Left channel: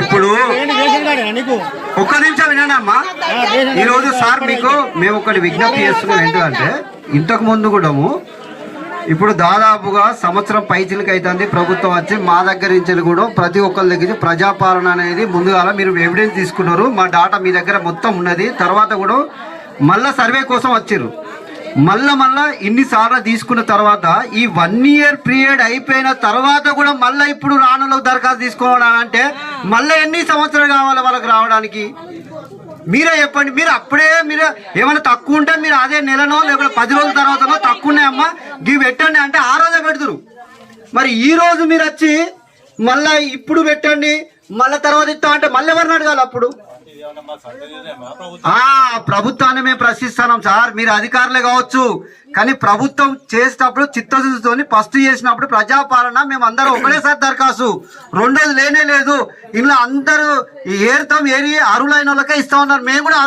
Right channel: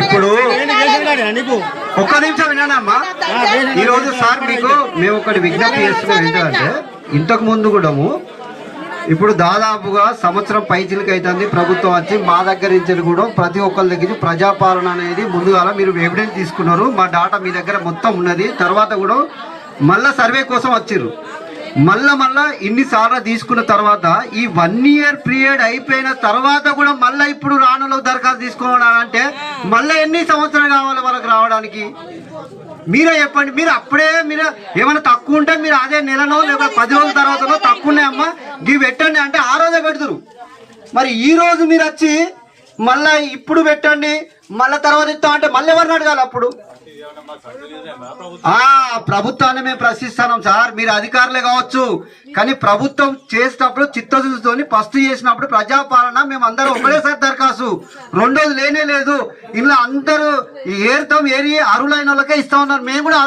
ఇప్పుడు ఒక్క నిమిషం వినండి అమ్మా. ఈ రోజు సార్ మీకు మేము ఒకటి విజ్ఞప్తి చేస్తున్నాం ఏంటంటే ఇంతకు ముందు కూడాము ఇప్పుడు దాదాపుగా సంవత్సరం పైచిలకి అవుతుంది ప్రభుత్వం వచ్చి మా దగ్గర నుంచి కూడా ప్రతి ఒక్కరి దగ్గర ప్రజాపాలన అనేది ముందుగా మీరు ఎవిడెన్స్ తీసుకున్నారు. మా డాటా మీ దగ్గర మొత్తం ఉన్నది. తర్వాత కూడా మళ్ళా సర్వే కోసం వచ్చారు మళ్ళా మళ్ళా ఇన్నిసార్లు తీసుకున్న తర్వాత ఈ వన్ ఇయర్ పీరియడ్ అయిపోయిన తర్వాత కూడా మళ్ళీ ఇప్పుడు రానులో దరఖాస్తు తీసుకోవాలంటే మళ్ళీ ఎన్ని సంవత్సరాలు కావాలి వాళ్ళకి రావడానికి? మీరే చెప్పండి. మీరు అప్పుడే మీరు ఏమైనా తక్కువ ఉంటే మీరు అదే నెలలో లేకపోతే పది రోజుల తర్వాత తక్కువ ఉన్నాయమ్మా. ఇవి పెట్టండి అంటే ఆ రోజే పెడతారు. మరి ఈ రోజు మీరు వచ్చి మళ్ళా ఇప్పుడు పెట్టండి మళ్ళా తర్వాత ఇస్తాం అంటే మళ్ళీ ఎవరిని అడగాలి అప్పుడు? ఆ ప్రభుత్వాన్ని మేము ప్రశ్నిస్తున్నాం సార్ మీరు అధికారులే కావచ్చు. కానీ ప్రభుత్వం చేసేటప్పుడు చిత్తశుద్ధితో ఫస్ట్ చేసినప్పుడు ప్రజాపాలన మేము అందరూ ఒకటేసారి దరఖాస్తు. రెండోది లేనే లేదు. ఇలా అందరూ ఏరుతాం ఏరి అరులైన వాళ్ళకే ఇస్తా ఉన్నారు. మేము కూడా